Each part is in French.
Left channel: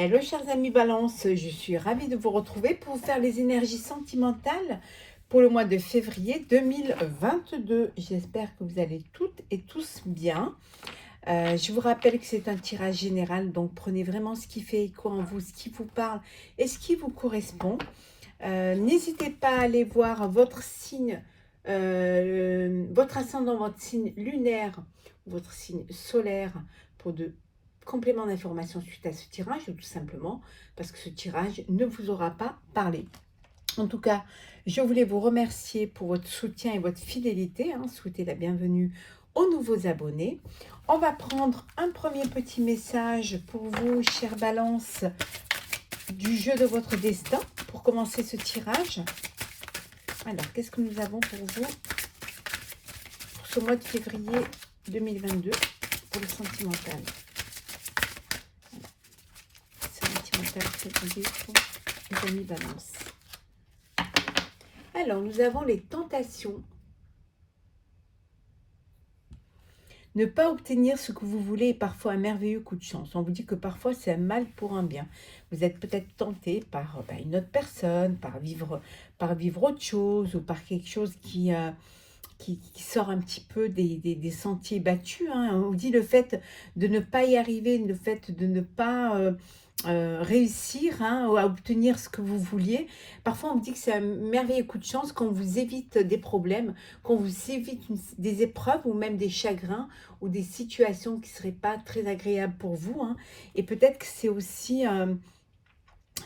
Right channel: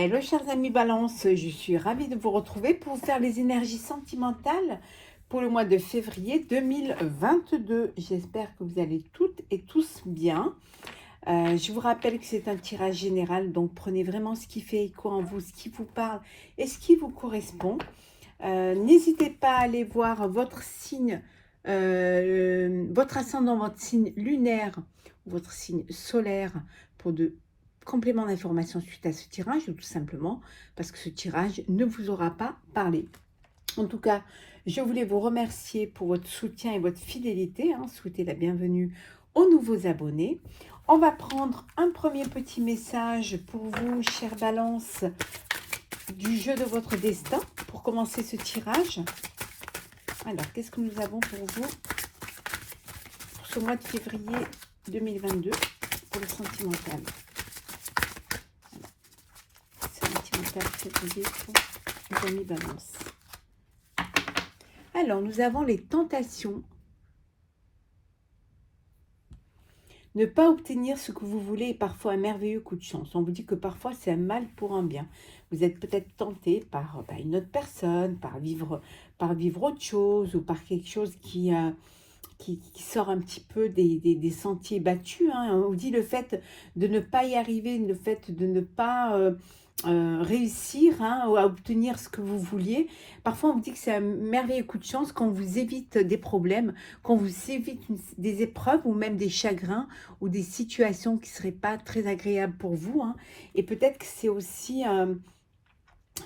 Hello chers amis Balance, je suis ravie de vous retrouver pour vous faire les énergies sentimentales pour le mois de février 2022. J'espère que vous allez toutes et tous bien. Je vous rappelle que c'est un tirage général, donc prenez vraiment ce qui fait écho en vous, ce qui vous parle et ce qui vous correspond. N'hésitez pas à aller voir votre signe, votre ascendant, votre signe lunaire, votre signe solaire pour de compléments d'information suite à ce tirage, ou tout simplement parce que ce tirage ne vous aura pas parlé. En tout cas, je voulais vous remercier pour votre soutien et votre fidélité, souhaiter la bienvenue aux nouveaux abonnés. On va prendre un premier petit message pour vous, chère Balance, du jeu de votre destin, pour commencer ce tirage. Alors, qu'est-ce que nous avons pour vous pour ce mois de février 2022 pour le sentimental? Sentimental février pour les amis Balance. Alors, nous avons les tentations. Ne pas obtenir ce que vous voulez est parfois un merveilleux coup de chance. On vous dit que parfois c'est un mal pour un bien. Vous êtes peut-être tenté par une autre personne, par vivre autre chose ou par quelque chose qui sort un petit peu des sentiers battus. On vous dit le fait de ne pas y arriver, le fait de ne pas réussir à obtenir ce que vous vouliez. Parfois, on vous dit que c'est un merveilleux coup de chance quand on vous évite des problèmes, quand on vous évite des épreuves ou même des chagrins ou des situations qui ne seraient pas très agréables pour vous. Et peut-être que c'est aussi...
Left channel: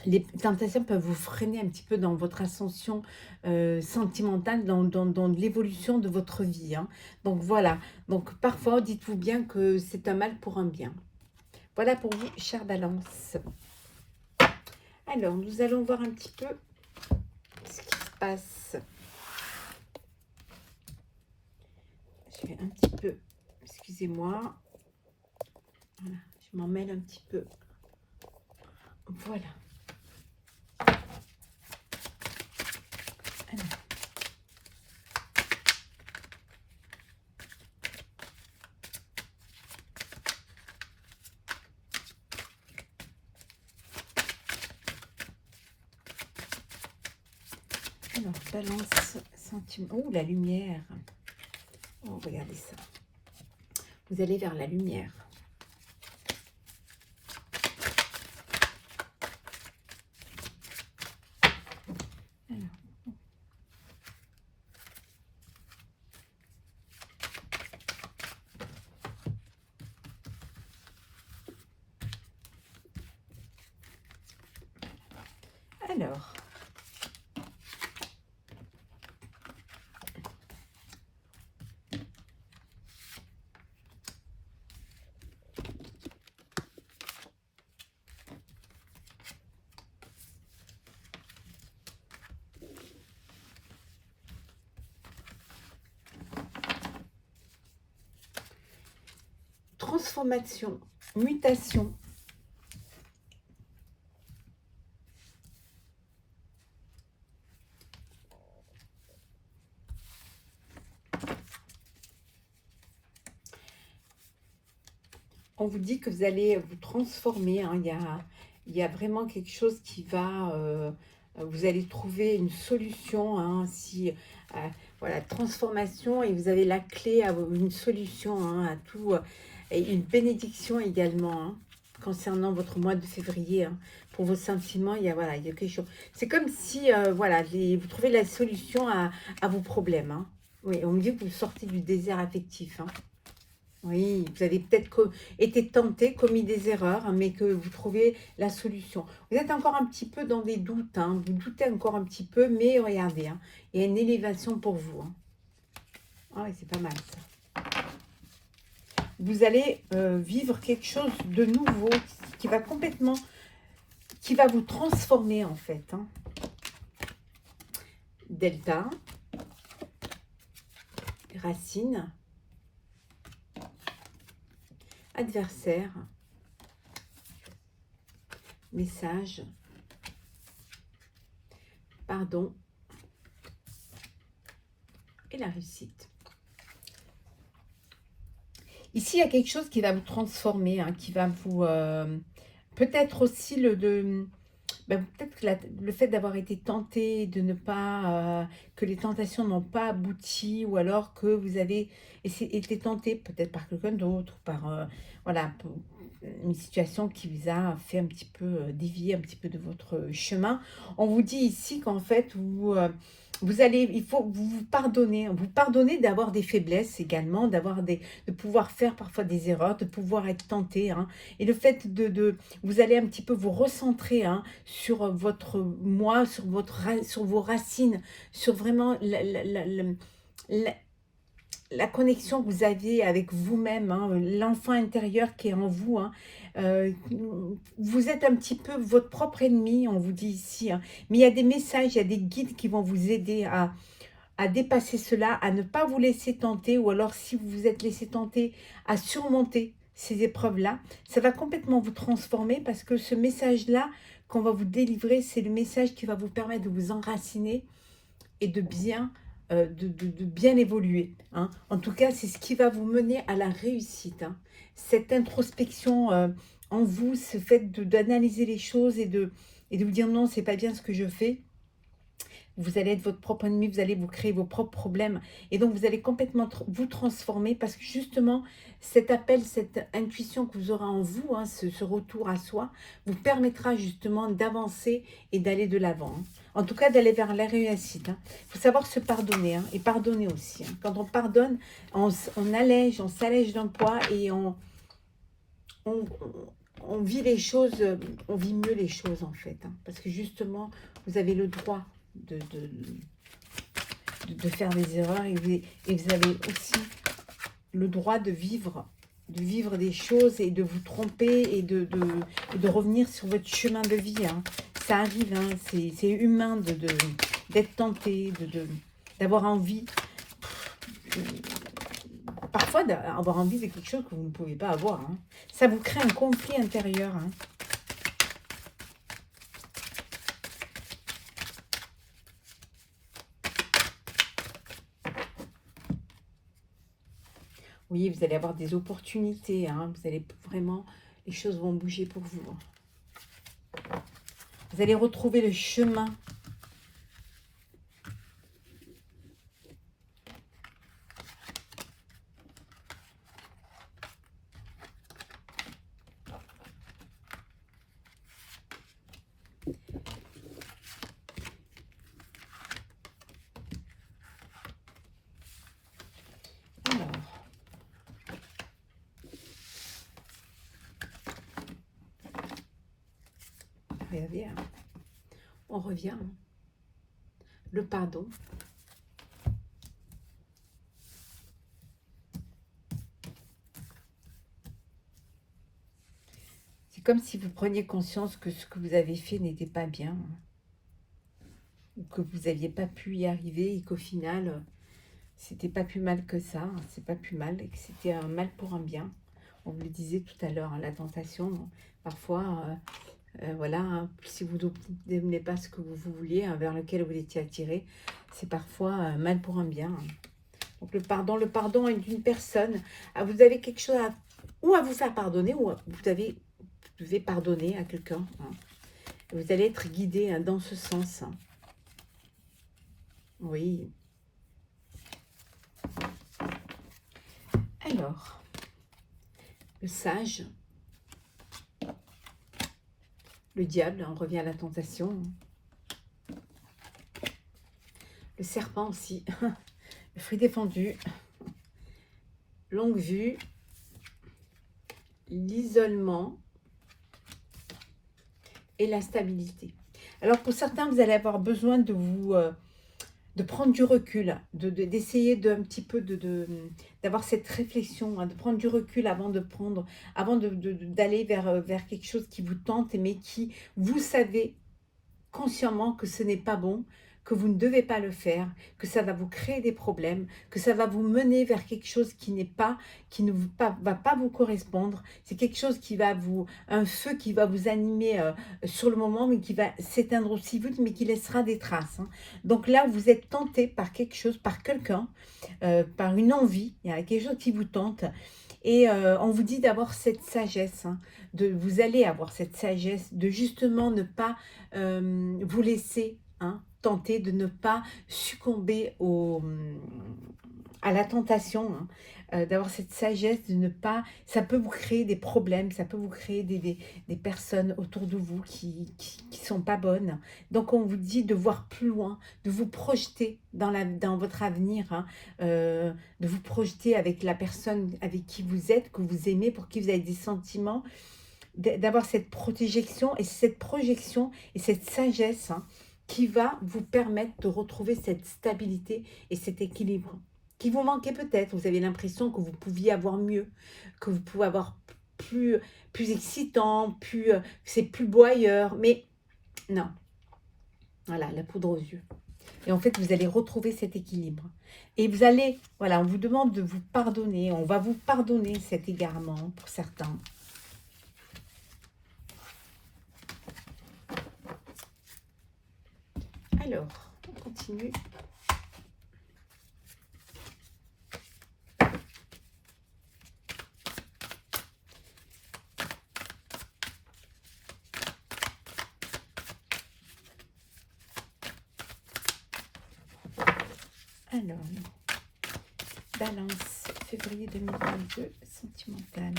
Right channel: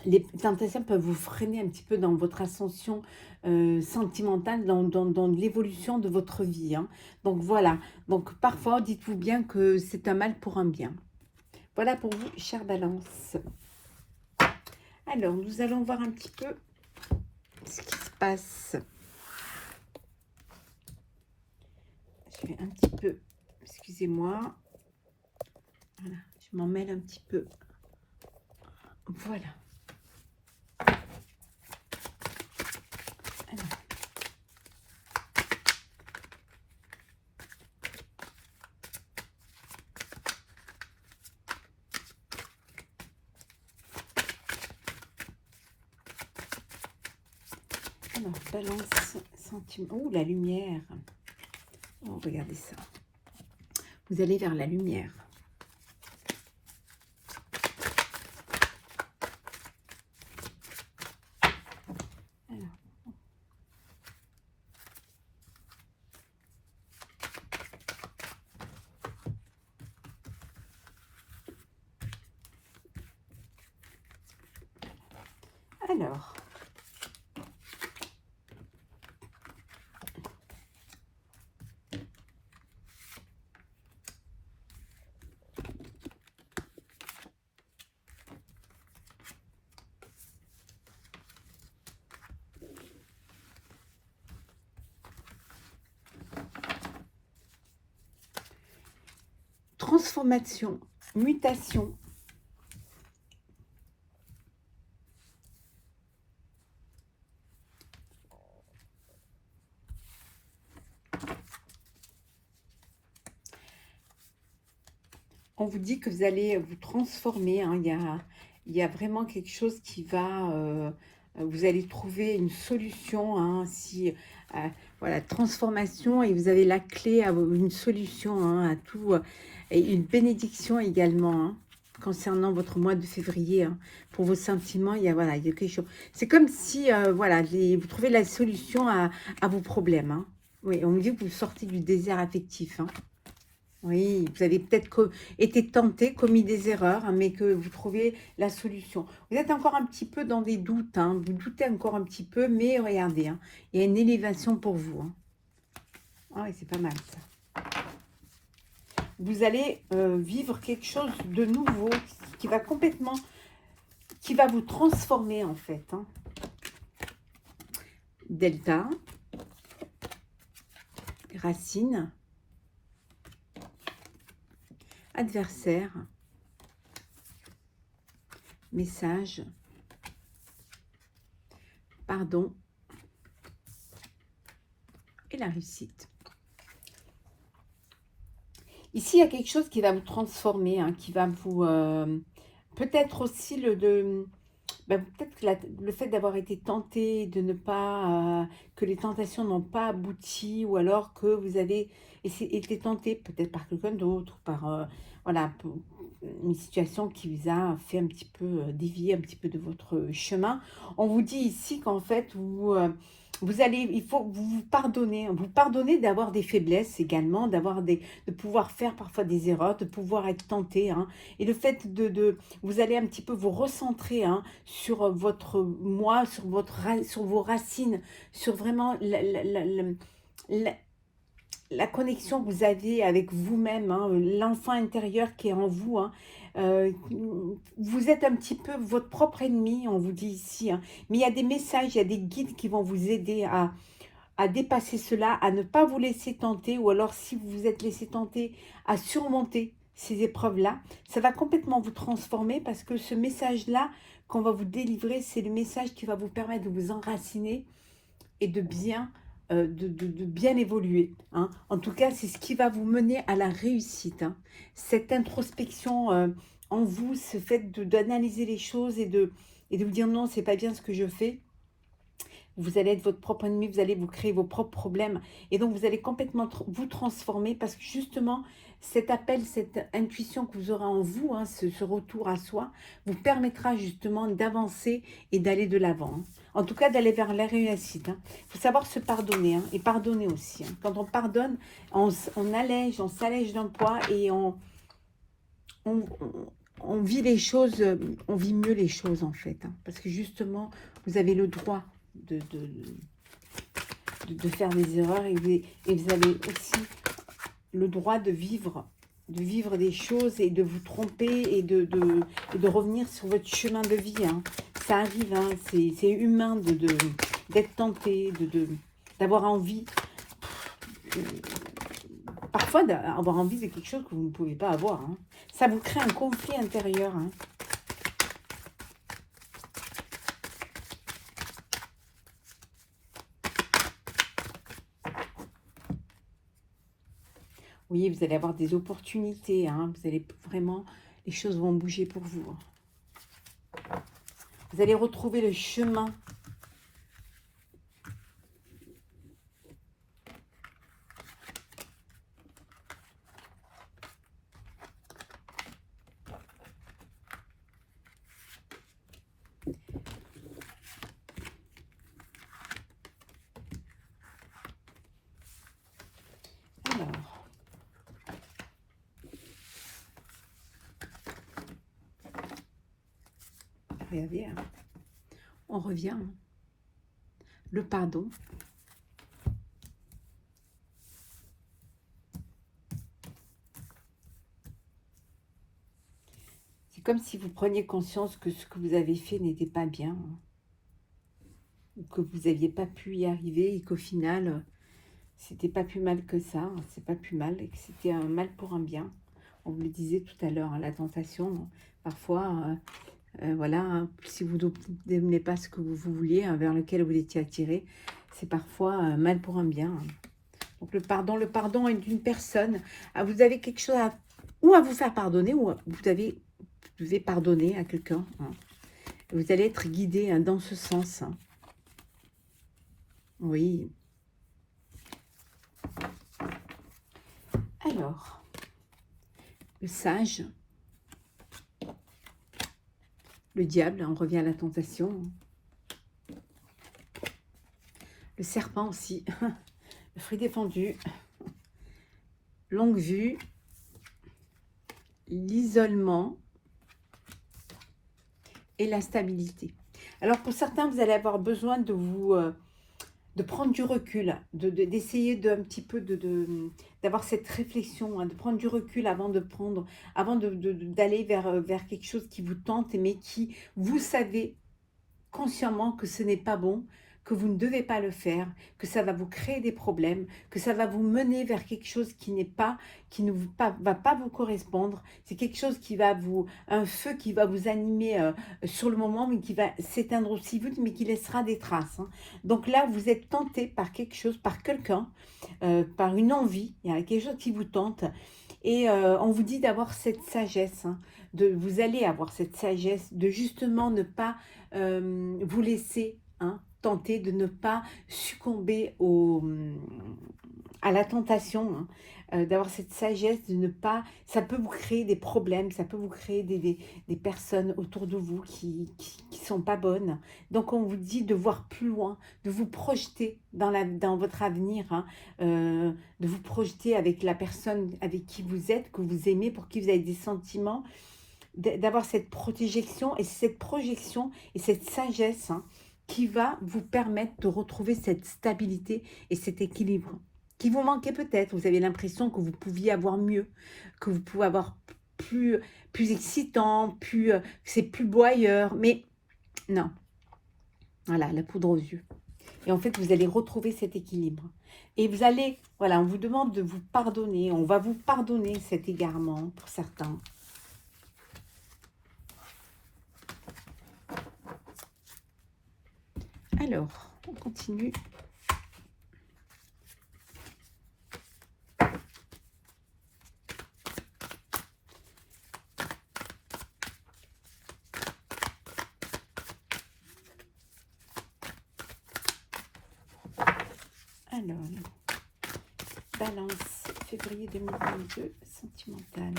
les tentations peuvent vous freiner un petit peu dans votre ascension sentimentale, dans l'évolution de votre vie. Donc voilà, donc parfois dites-vous bien que c'est un mal pour un bien. Voilà pour vous, chère Balance. Alors, nous allons voir un petit peu ce qui se passe. Je vais un petit peu, excusez-moi. Voilà, je m'en mêle un petit peu. Voilà. Alors, Balance, sentiment. Oh, la lumière. Oh, regardez ça. Vous allez vers la lumière. Alors, transformation, mutation. On vous dit que vous allez vous transformer. Il y a vraiment quelque chose qui va... vous allez trouver une solution. Voilà, transformation, et vous avez la clé à une solution à tout. Et une bénédiction également concernant votre mois de février. Pour vos sentiments, il y a quelque chose. C'est comme si vous trouvez la solution à vos problèmes. Oui, on me dit que vous sortez du désert affectif. Oui, vous avez peut-être été tenté, commis des erreurs, mais que vous trouvez la solution. Vous êtes encore un petit peu dans des doutes, vous doutez encore un petit peu, mais regardez, il y a une élévation pour vous. Ah oui, c'est pas mal ça. Vous allez vivre quelque chose de nouveau qui va complètement, qui va vous transformer en fait. Delta, racine, adversaire, message, pardon et la réussite. Ici, il y a quelque chose qui va vous transformer, qui va vous peut-être aussi peut-être que le fait d'avoir été tenté, de ne pas, que les tentations n'ont pas abouti, ou alors que vous avez été tenté peut-être par quelqu'un d'autre, par voilà, une situation qui vous a fait un petit peu dévier un petit peu de votre chemin. On vous dit ici qu'en fait, il faut vous pardonner d'avoir des faiblesses également, de pouvoir faire parfois des erreurs, de pouvoir être tenté, hein. Et le fait vous allez un petit peu vous recentrer, hein, sur votre moi, sur vos racines, sur vraiment la- la connexion que vous avez avec vous-même, hein, l'enfant intérieur qui est en vous, hein. Euh, vous êtes un petit peu votre propre ennemi, on vous dit ici, hein. Mais il y a des messages, il y a des guides qui vont vous aider à dépasser cela, à ne pas vous laisser tenter, ou alors si vous vous êtes laissé tenter, à surmonter ces épreuves-là. Ça va complètement vous transformer, parce que ce message-là qu'on va vous délivrer, c'est le message qui va vous permettre de vous enraciner et de bien évoluer, hein. En tout cas, c'est ce qui va vous mener à la réussite, hein. Cette introspection en vous, ce fait d'analyser les choses et de vous dire non, c'est pas bien ce que je fais. Vous allez être votre propre ennemi, vous allez vous créer vos propres problèmes. Et donc, vous allez complètement vous transformer, parce que justement, cet appel, cette intuition que vous aurez en vous, hein, ce retour à soi, vous permettra justement d'avancer et d'aller de l'avant, hein. En tout cas, d'aller vers la réussite, hein. Il faut savoir se pardonner, hein, et pardonner aussi, hein. Quand on pardonne, on s'allège d'un poids, et on, on vit les choses, on vit mieux les choses en fait, hein. Parce que justement, vous avez le droit de faire des erreurs, et vous avez aussi le droit de vivre des choses, et de vous tromper, et de revenir sur votre chemin de vie, hein. Ça arrive, hein, c'est humain d'être tenté, d'avoir envie, parfois d'avoir envie de quelque chose que vous ne pouvez pas avoir, hein. Ça vous crée un conflit intérieur, hein. Oui, vous allez avoir des opportunités, hein. Vous allez vraiment, les choses vont bouger pour vous. Vous allez retrouver le chemin. Alors, regardez, hein. On revient. Le pardon. C'est comme si vous preniez conscience que ce que vous avez fait n'était pas bien, hein, ou que vous n'aviez pas pu y arriver, et qu'au final, c'était pas plus mal que ça, hein. C'est pas plus mal, et que c'était un mal pour un bien. On vous le disait tout à l'heure, hein, la tentation, parfois, voilà, hein, si vous n'obtenez pas ce que vous vouliez, hein, vers lequel vous étiez attiré, c'est parfois mal pour un bien, hein. Donc le pardon est d'une personne. Ah, vous avez quelque chose ou à vous faire pardonner, ou vous devez pardonner à quelqu'un, hein. Vous allez être guidé, hein, dans ce sens, hein. Oui. Alors, le sage, le diable, on revient à la tentation. Le serpent aussi, le fruit défendu, longue vue, l'isolement et la stabilité. Alors pour certains, vous allez avoir besoin de prendre du recul, d'essayer un petit peu d'avoir cette réflexion, hein, de prendre du recul avant d'aller vers quelque chose qui vous tente, mais qui, vous savez consciemment que ce n'est pas bon, que vous ne devez pas le faire, que ça va vous créer des problèmes, que ça va vous mener vers quelque chose qui va pas vous correspondre. C'est quelque chose un feu qui va vous animer sur le moment, mais qui va s'éteindre aussi vite, mais qui laissera des traces, hein. Donc là, vous êtes tenté par quelque chose, par quelqu'un, par une envie, il y a quelque chose qui vous tente. Et on vous dit d'avoir cette sagesse, hein, vous allez avoir cette sagesse de justement ne pas vous laisser tenter, de ne pas succomber à la tentation, d'avoir cette sagesse de ne pas, ça peut vous créer des problèmes, ça peut vous créer des personnes autour de vous qui sont pas bonnes. Donc on vous dit de voir plus loin, de vous projeter dans votre avenir, de vous projeter avec la personne avec qui vous êtes, que vous aimez, pour qui vous avez des sentiments, d'avoir cette projection et cette sagesse qui va vous permettre de retrouver cette stabilité et cet équilibre qui vous manquait peut-être. Vous avez l'impression que vous pouviez avoir mieux, que vous pouvez avoir plus excitant, que c'est plus beau ailleurs, mais non. Voilà, la poudre aux yeux. Et en fait, vous allez retrouver cet équilibre. Et vous allez, voilà, on vous demande de vous pardonner, on va vous pardonner cet égarement pour certains. Alors, on continue. Alors, Balance, février 2022, sentimental.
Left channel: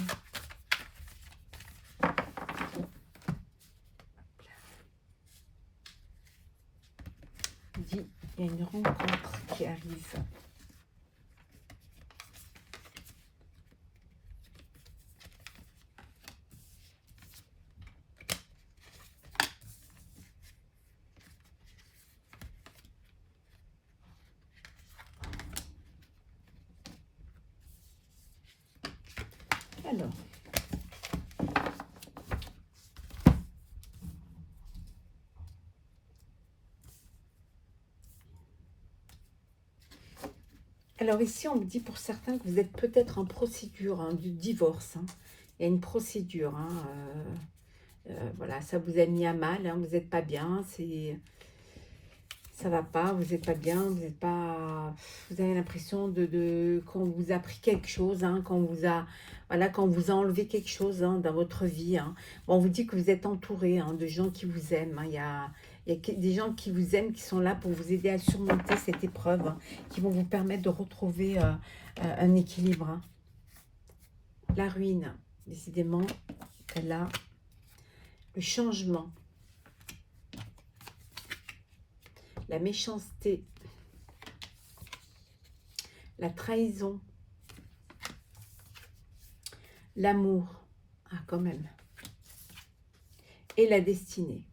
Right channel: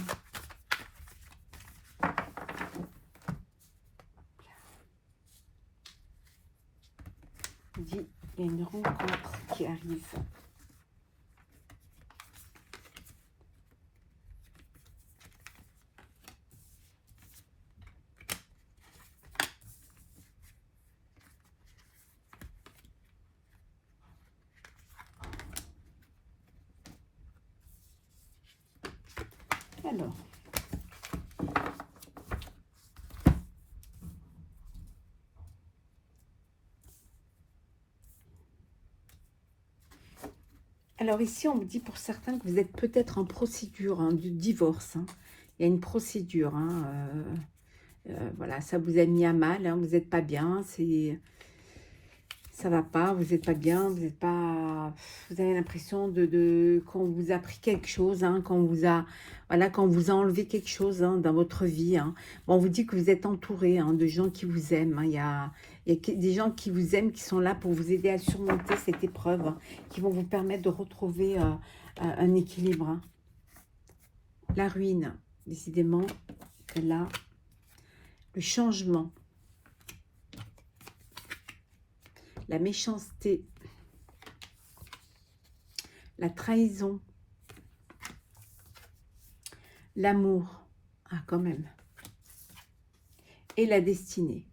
Dit, il y a une rencontre qui arrive. Alors ici, on me dit pour certains que vous êtes peut-être en procédure du divorce. Il y a une procédure. Voilà, ça vous a mis à mal. Vous n'êtes pas bien. Ça va pas. Vous n'êtes pas bien. Vous n'êtes pas. Vous avez l'impression qu'on vous a pris quelque chose, qu'on vous a. Voilà, quand on vous a enlevé quelque chose dans votre vie. Bon, on vous dit que vous êtes entouré de gens qui vous aiment. Il y a des gens qui vous aiment, qui sont là pour vous aider à surmonter cette épreuve, qui vont vous permettre de retrouver un équilibre. La ruine, décidément, c'est là. Le changement. La méchanceté. La trahison. L'amour. Ah, quand même. Et la destinée.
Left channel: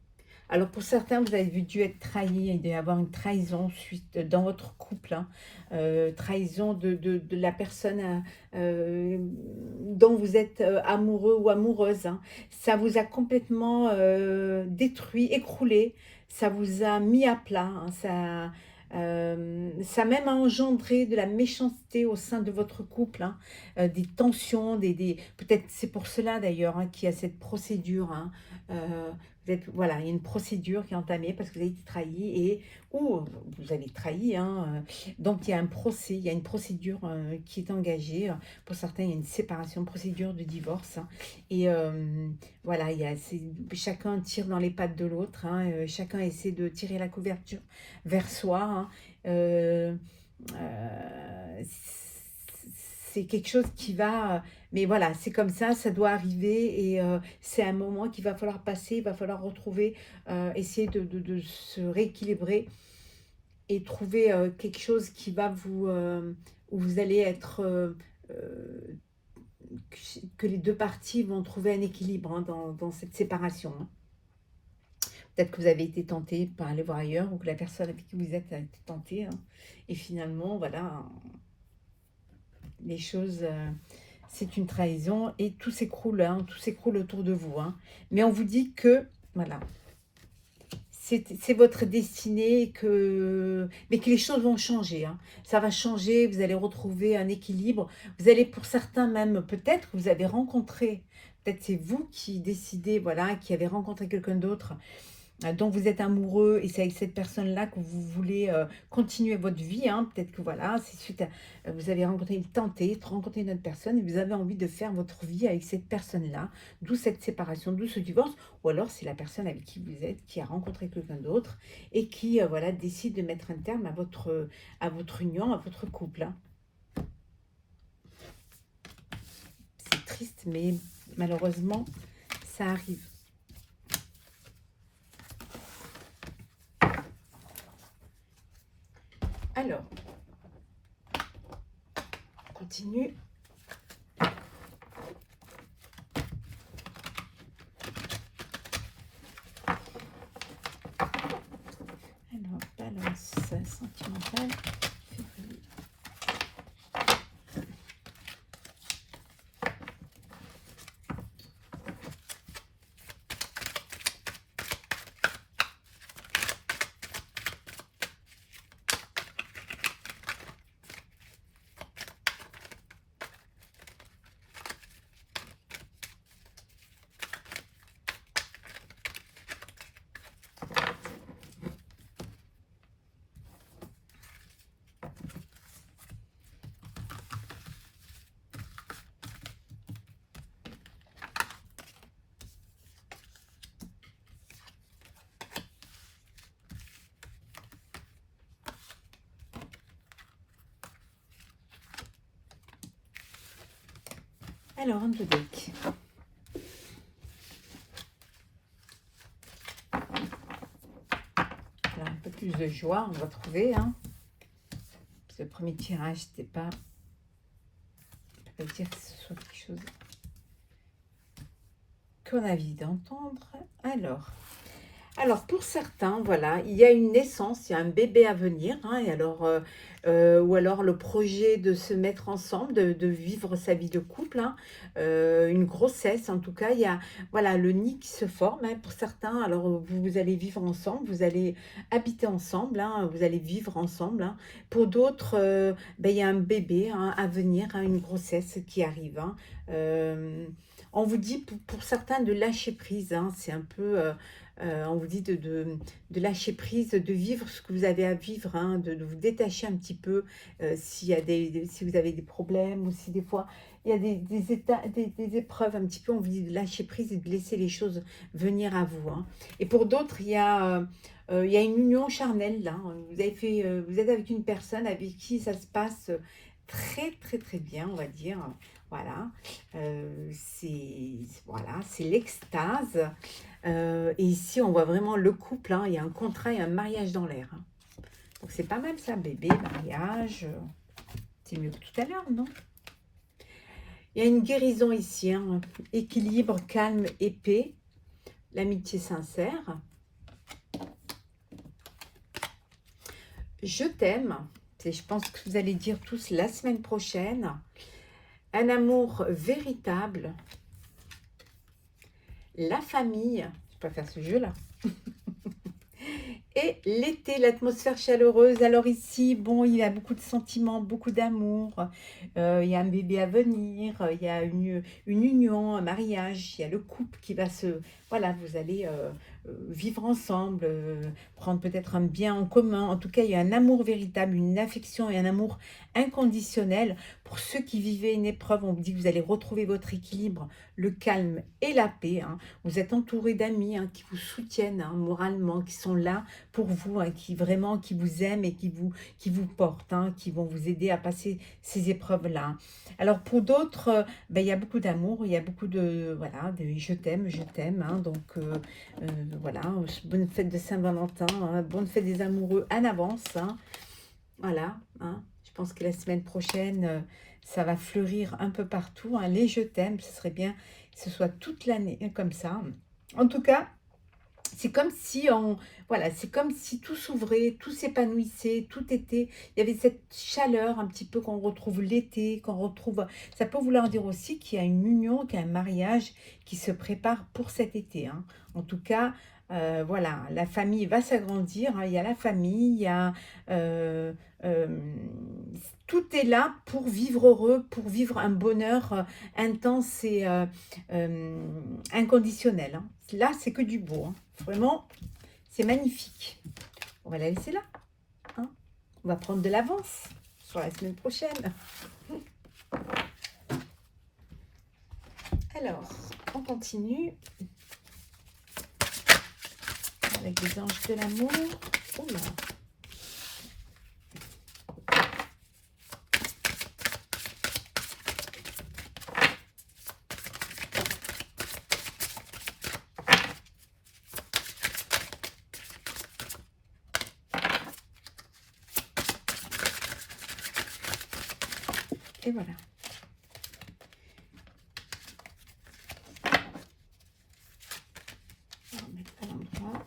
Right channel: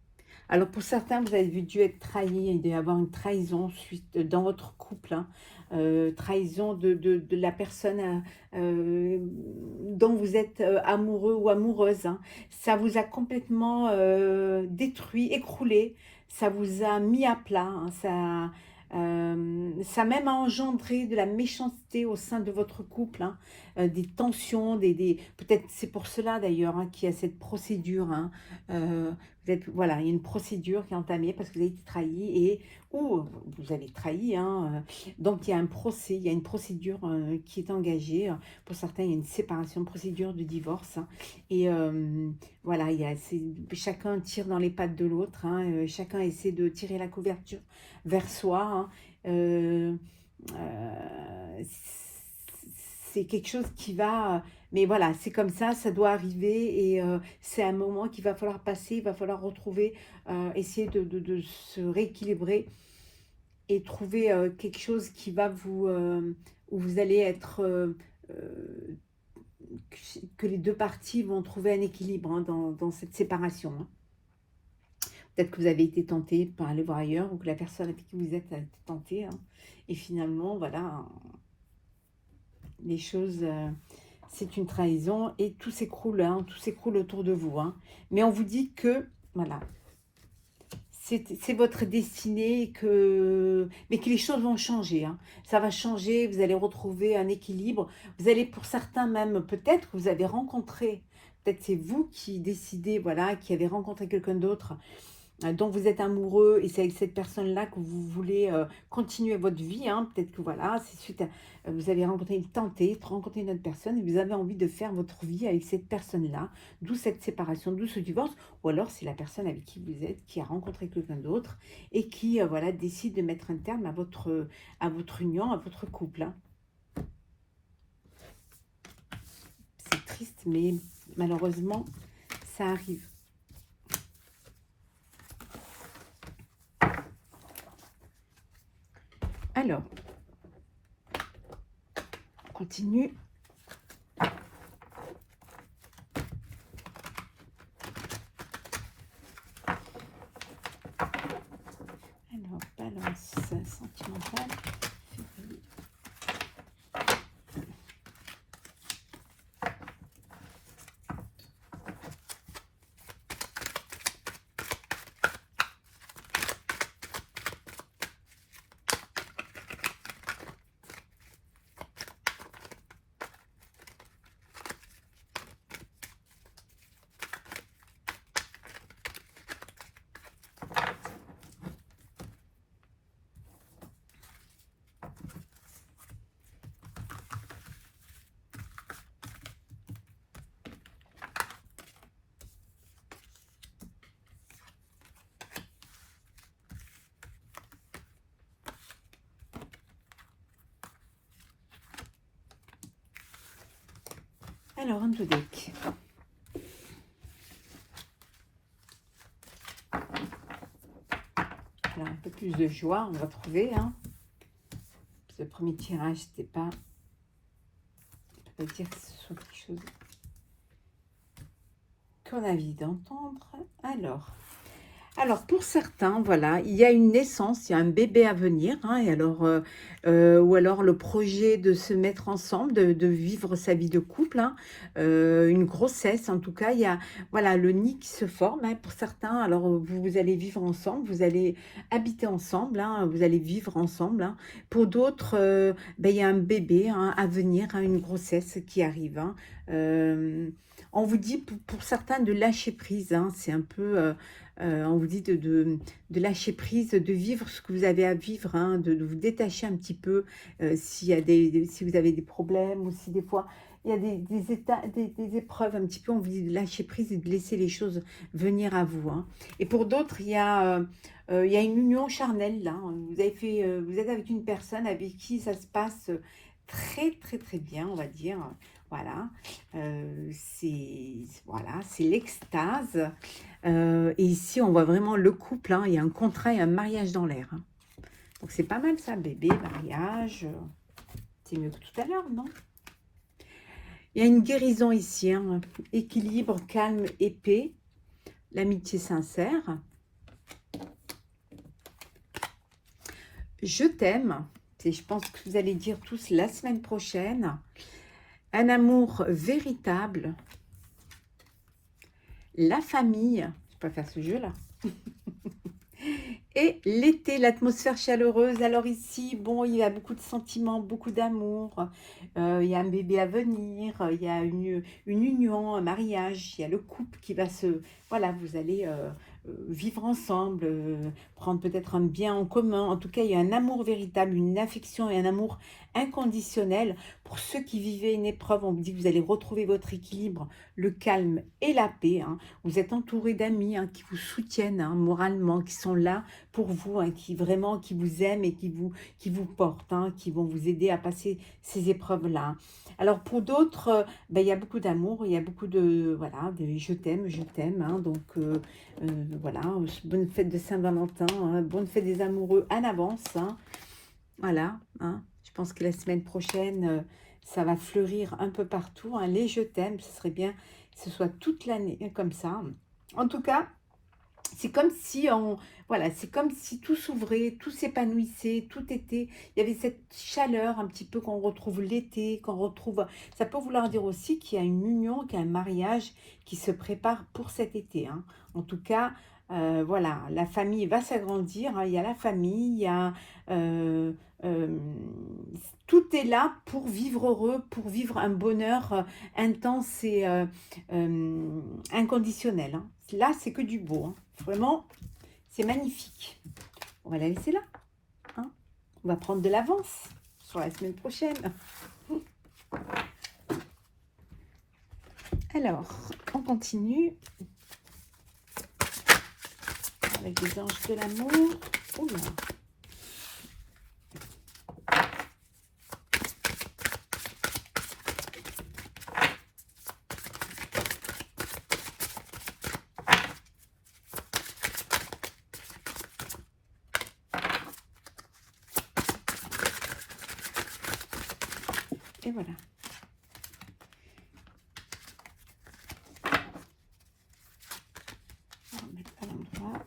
Alors, pour certains, vous avez dû être trahi, il doit y avoir une trahison suite dans votre couple. Trahison de la personne dont vous êtes amoureux ou amoureuse. Ça vous a complètement détruit, écroulé. Ça vous a mis à plat. Ça même a engendré de la méchanceté au sein de votre couple, des tensions, peut-être c'est pour cela d'ailleurs qu'il y a cette procédure. Voilà, il y a une procédure qui est entamée parce que vous avez été trahi ou vous avez trahi. Donc il y a un procès, il y a une procédure qui est engagée. Pour certains, il y a une séparation, une procédure de divorce. Et voilà, chacun tire dans les pattes de l'autre. Chacun essaie de tirer la couverture vers soi. C'est quelque chose qui va... Mais voilà, c'est comme ça doit arriver et c'est un moment qu'il va falloir passer, il va falloir retrouver, essayer de se rééquilibrer et trouver quelque chose qui va où vous allez être... que les deux parties vont trouver un équilibre dans cette séparation. Peut-être que vous avez été tenté par aller voir ailleurs ou que la personne avec qui vous êtes a été tentée. Et finalement, voilà, les choses... c'est une trahison et tout s'écroule, tout s'écroule autour de vous. Mais on vous dit que, voilà, c'est votre destinée, mais que les choses vont changer. Ça va changer, vous allez retrouver un équilibre. Vous allez, pour certains même, peut-être que vous avez rencontré, peut-être c'est vous qui décidez, voilà, qui avez rencontré quelqu'un d'autre dont vous êtes amoureux et c'est avec cette personne-là que vous voulez continuer votre vie. Hein. Peut-être que voilà, c'est suite à vous avez tenté de rencontrer une autre personne et vous avez envie de faire votre vie avec cette personne-là, d'où cette séparation, d'où ce divorce, ou alors c'est la personne avec qui vous êtes qui a rencontré quelqu'un d'autre et qui voilà décide de mettre un terme à votre union, à votre couple. Hein. C'est triste, mais malheureusement, ça arrive. Alors, on continue. Alors, balance sentimentale. Alors, un peu deck. Alors, un peu plus de joie, on va trouver. Hein. Ce premier tirage, c'était pas... Je peux pas dire que ce soit quelque chose qu'on a envie d'entendre. Alors, pour certains, voilà, il y a une naissance, il y a un bébé à venir, hein, et alors, ou alors le projet de se mettre ensemble, de vivre sa vie de couple, hein, une grossesse, en tout cas, il y a voilà, le nid qui se forme, hein, pour certains, alors vous allez vivre ensemble, vous allez habiter ensemble, hein, vous allez vivre ensemble, hein. Pour d'autres, ben, il y a un bébé hein, à venir, hein, une grossesse qui arrive, hein. On vous dit pour certains de lâcher prise, hein, c'est un peu... on vous dit de lâcher prise, de vivre ce que vous avez à vivre, hein, de vous détacher un petit peu s'il y a si vous avez des problèmes ou si des fois il y a des épreuves un petit peu, on vous dit de lâcher prise et de laisser les choses venir à vous. Hein. Et pour d'autres, il y a une union charnelle là. Vous avez fait, vous êtes avec une personne avec qui ça se passe très très très bien, on va dire. Voilà, c'est l'extase. Et ici, on voit vraiment le couple. Hein, il y a un contrat et un mariage dans l'air. Hein. Donc, c'est pas mal ça, bébé, mariage. C'est mieux que tout à l'heure, non? Il y a une guérison ici. Hein, équilibre, calme et paix. L'amitié sincère. Je t'aime. Je pense que vous allez dire tous la semaine prochaine. Un amour véritable. La famille. Je peux faire ce jeu-là. Et l'été, l'atmosphère chaleureuse. Alors ici, bon, il y a beaucoup de sentiments, beaucoup d'amour. Il y a un bébé à venir. Il y a une union, un mariage. Il y a le couple qui va se... Voilà, vous allez vivre ensemble, prendre peut-être un bien en commun. En tout cas, il y a un amour véritable, une affection et un amour inconditionnel. Pour ceux qui vivaient une épreuve, on vous dit que vous allez retrouver votre équilibre, le calme et la paix. Hein. Vous êtes entouré d'amis hein, qui vous soutiennent hein, moralement, qui sont là pour vous, hein, qui vous aiment et qui vous portent, hein, qui vont vous aider à passer ces épreuves-là. Alors pour d'autres, ben, il y a beaucoup d'amour, il y a beaucoup de, voilà, de je t'aime, hein, donc voilà, bonne fête de Saint-Valentin, hein, bonne fête des amoureux en avance, hein, voilà, hein, je pense que la semaine prochaine, ça va fleurir un peu partout, hein, les je t'aime, ce serait bien que ce soit toute l'année comme ça. En tout cas, c'est comme si voilà, c'est comme si tout s'ouvrait, tout s'épanouissait, tout était, il y avait cette chaleur un petit peu qu'on retrouve l'été, qu'on retrouve, ça peut vouloir dire aussi qu'il y a une union, qu'il y a un mariage qui se prépare pour cet été. Hein. En tout cas, voilà, la famille va s'agrandir, hein. Il y a la famille, il y a... tout est là pour vivre heureux, pour vivre un bonheur intense et inconditionnel. Hein. Là, c'est que du beau. Hein. Vraiment, C'est magnifique. On va la laisser là. Hein. On va prendre de l'avance sur la semaine prochaine. Alors, on continue avec les anges de l'amour. Oula. Et voilà. On va mettre à l'endroit.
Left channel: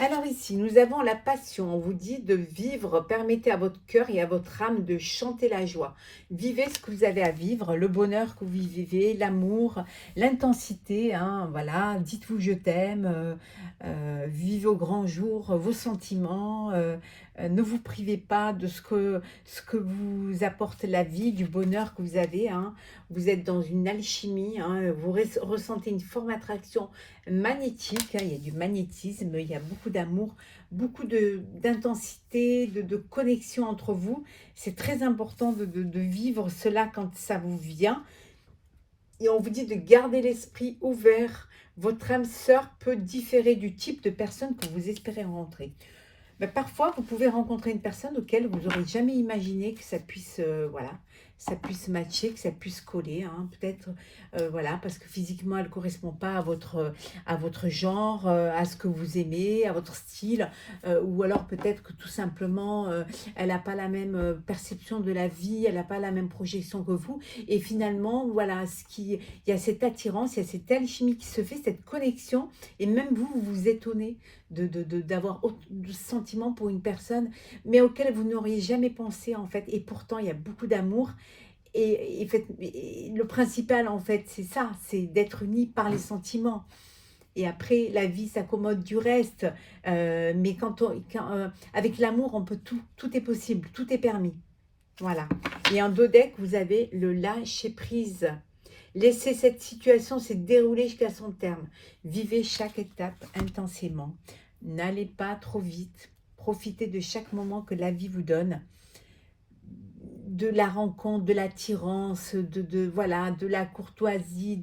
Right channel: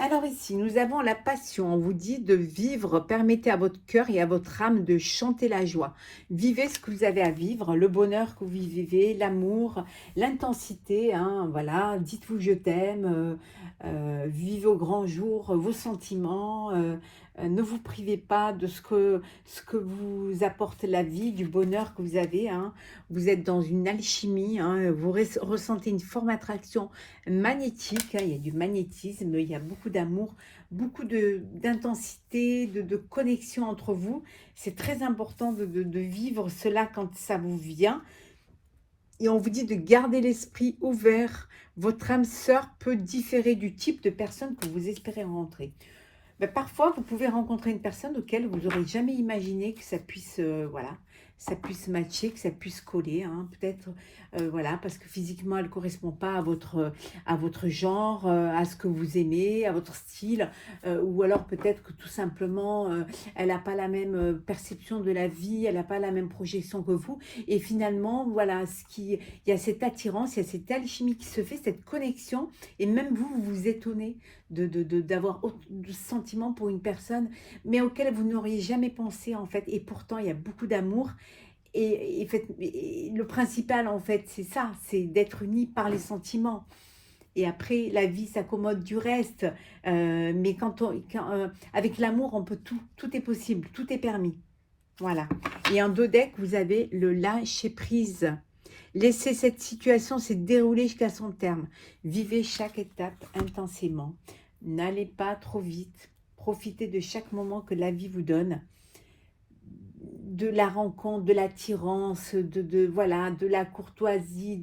Alors ici, nous avons la passion. On vous dit de vivre. Permettez à votre cœur et à votre âme de chanter la joie. Vivez ce que vous avez à vivre, le bonheur que vous vivez, l'amour, l'intensité. Hein, voilà, dites-vous je t'aime. Vivez au grand jour vos sentiments. Ne vous privez pas de ce que vous apporte la vie, du bonheur que vous avez. Hein. Vous êtes dans une alchimie. Hein, vous ressentez une forme d'attraction magnétique, hein, il y a du magnétisme, il y a beaucoup d'amour, beaucoup d'intensité, de connexion entre vous. C'est très important de vivre cela quand ça vous vient. Et on vous dit de garder l'esprit ouvert. Votre âme sœur peut différer du type de personne que vous espérez rencontrer. Ben, parfois, vous pouvez rencontrer une personne auquel vous n'aurez jamais imaginé que ça puisse, voilà, ça puisse matcher, que ça puisse coller. Hein, peut-être, voilà, parce que physiquement, elle ne correspond pas à votre genre, à ce que vous aimez, à votre style. Ou alors peut-être que tout simplement, elle n'a pas la même perception de la vie, elle n'a pas la même projection que vous. Et finalement, voilà, il y a cette attirance, il y a cette alchimie qui se fait, cette connexion. Et même vous, vous vous étonnez d'avoir de sentiments pour une personne, mais auquel vous n'auriez jamais pensé en fait. Et pourtant, il y a beaucoup d'amour. Et le principal en fait, c'est ça, c'est d'être unis par les sentiments. Et après, la vie s'accommode du reste. Mais avec l'amour, on peut tout est possible, tout est permis. Voilà. Et en dos deck, vous avez le lâcher prise. Laissez cette situation se dérouler jusqu'à son terme. Vivez chaque étape intensément. N'allez pas trop vite. Profitez de chaque moment que la vie vous donne. De la rencontre, de l'attirance, voilà, de la courtoisie,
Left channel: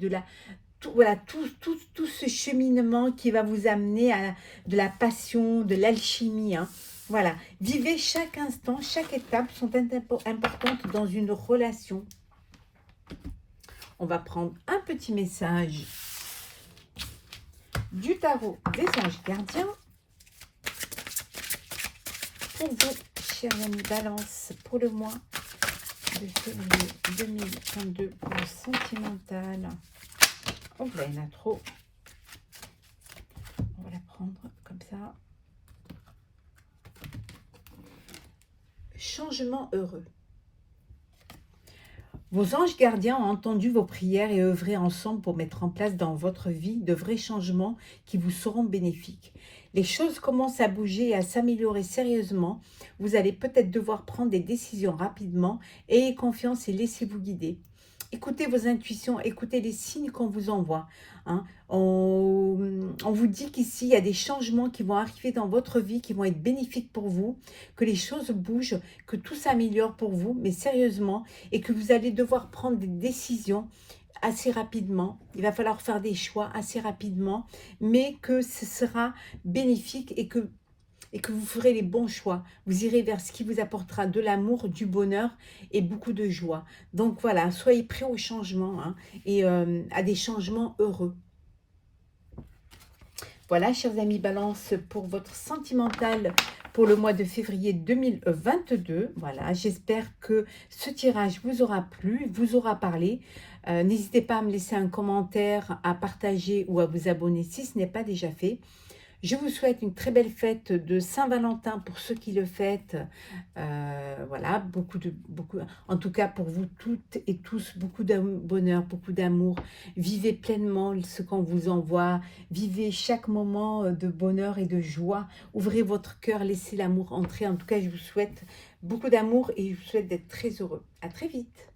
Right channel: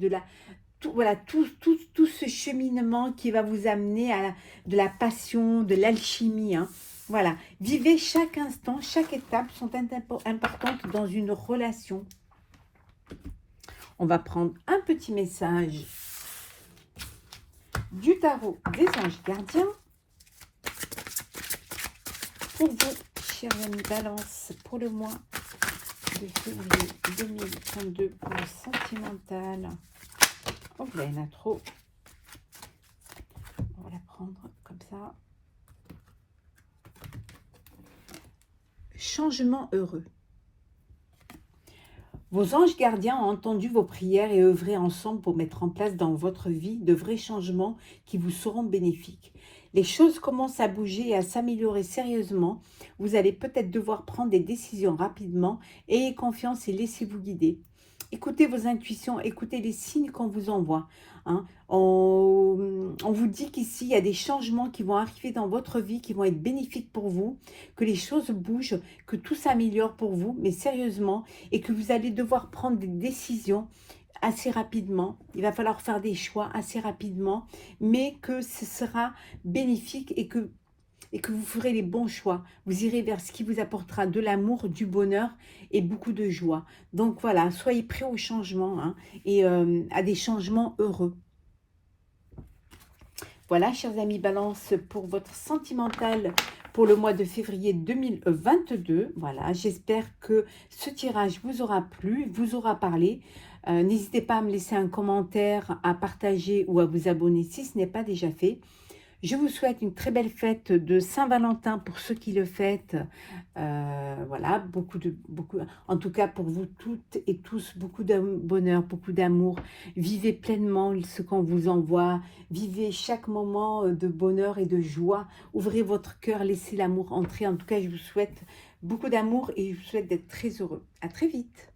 voilà, tout ce cheminement qui va vous amener à de la passion, de l'alchimie. Hein. Voilà. Vivez chaque instant, chaque étape sont importantes dans une relation. On va prendre un petit message du tarot des anges gardiens pour vous, chers amis Balance, pour le mois de février 2022 pour le sentimental. Oh, là, il y en a trop. On va la prendre comme ça. Changement heureux. Vos anges gardiens ont entendu vos prières et œuvré ensemble pour mettre en place dans votre vie de vrais changements qui vous seront bénéfiques. Les choses commencent à bouger et à s'améliorer sérieusement. Vous allez peut-être devoir prendre des décisions rapidement. Ayez confiance et laissez-vous guider. Écoutez vos intuitions, écoutez les signes qu'on vous envoie. Hein. On vous dit qu'ici, il y a des changements qui vont arriver dans votre vie, qui vont être bénéfiques pour vous, que les choses bougent, que tout s'améliore pour vous, mais sérieusement, et que vous allez devoir prendre des décisions assez rapidement. Il va falloir faire des choix assez rapidement, mais que ce sera bénéfique et que vous ferez les bons choix. Vous irez vers ce qui vous apportera de l'amour, du bonheur et beaucoup de joie. Donc voilà, soyez prêts au changement hein, et à des changements heureux. Voilà, chers amis Balance, pour votre sentimental pour le mois de février 2022. Voilà, j'espère que ce tirage vous aura plu, vous aura parlé. N'hésitez pas à me laisser un commentaire, à partager ou à vous abonner si ce n'est pas déjà fait. Je vous souhaite une très belle fête de Saint-Valentin pour ceux qui le fêtent. Voilà, en tout cas pour vous toutes et tous, beaucoup de bonheur, beaucoup d'amour. Vivez pleinement ce qu'on vous envoie. Vivez chaque moment de bonheur et de joie. Ouvrez votre cœur, laissez l'amour entrer. En tout cas, je vous souhaite beaucoup d'amour et je vous souhaite d'être très heureux. À très vite.